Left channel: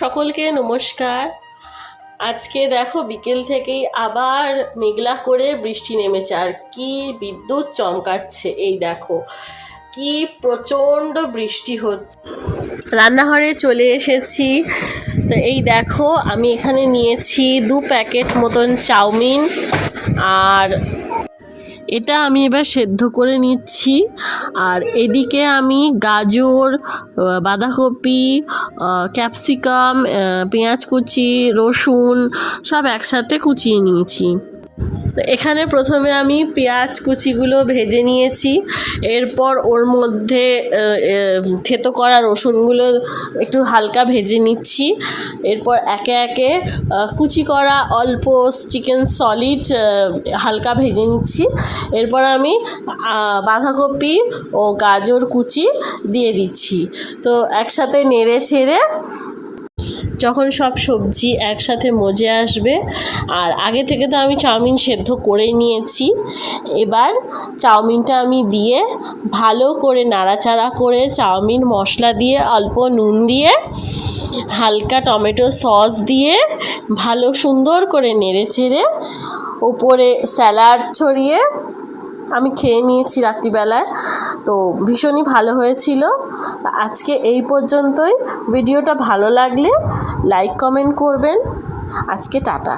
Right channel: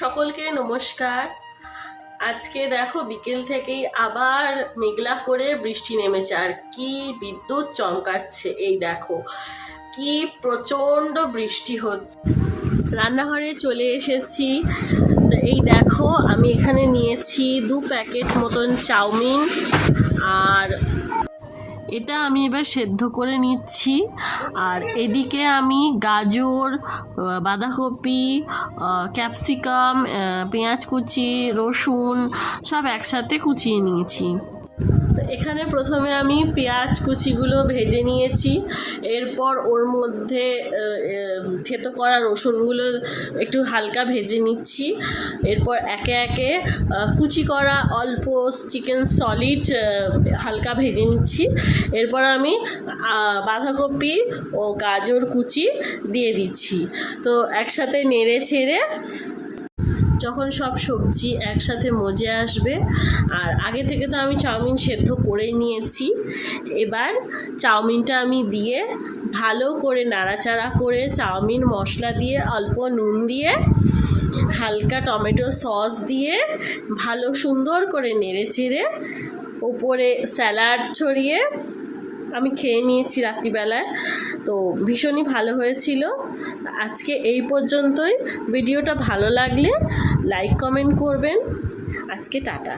সকলকে নমস্কার। আজকে দেখো বিকেল থেকেই আবার মেঘলা করে বৃষ্টি নেমেছে, আর কি বিদ্যুৎ চমকাচ্ছে। এই দেখো কি প্রচণ্ড বৃষ্টি হচ্ছে। রান্নাঘরে চলে এসেছি। তো এই দেখো আমি এখানে নিয়েছি 2 প্যাকেট মতন চাউমিন, আর এটা আমি এবার সেদ্ধ করে নিচ্ছি। আর এদিকে আমি গাজর, বাঁধাকপি, ক্যাপসিকাম, পেঁয়াজ কুচি, রসুন সব একসাথে কুচিয়ে নিয়েছি। তো এখানে প্রথমে আমি পেঁয়াজ কুচিগুলো ভেজে নিয়েছি, এরপর ওর মধ্যে থেতো করা রসুনগুলো একটু হালকা ভেজে নিচ্ছি। এরপর একে একে কুচি করা অল্প চিকেন সলিড হালকা ভেজে নিচ্ছি। এরপর আমি বাঁধাকপি ও গাজর কুচি দিয়ে দিচ্ছি। তো একসাথে নেড়ে ছেড়ে যখন সব সবজি একসাথে মজে আসবে, আর আগে থেকে তো আমি চাউমিন সেদ্ধ করে নিয়েছি, এবার চাউমিনটা আমি দিয়ে ভালো করে নাড়াচাড়া করে চাউমিন মশলা দিয়ে অল্প নুন দিয়ে হালকা টমেটো সস দিয়ে ভালো সুন্দর করে নেড়ে চেড়ে ওপরে স্যালাড ছড়িয়ে আমি খেয়ে নিয়েছি রাত্রিবেলায়। তো ভীষণই ভালো হয়েছিল। আজকে এই পর্যন্তই। ভিডিওটা ভালো লাগলে লাইক কমেন্ট করবেন। আজকে টাটা।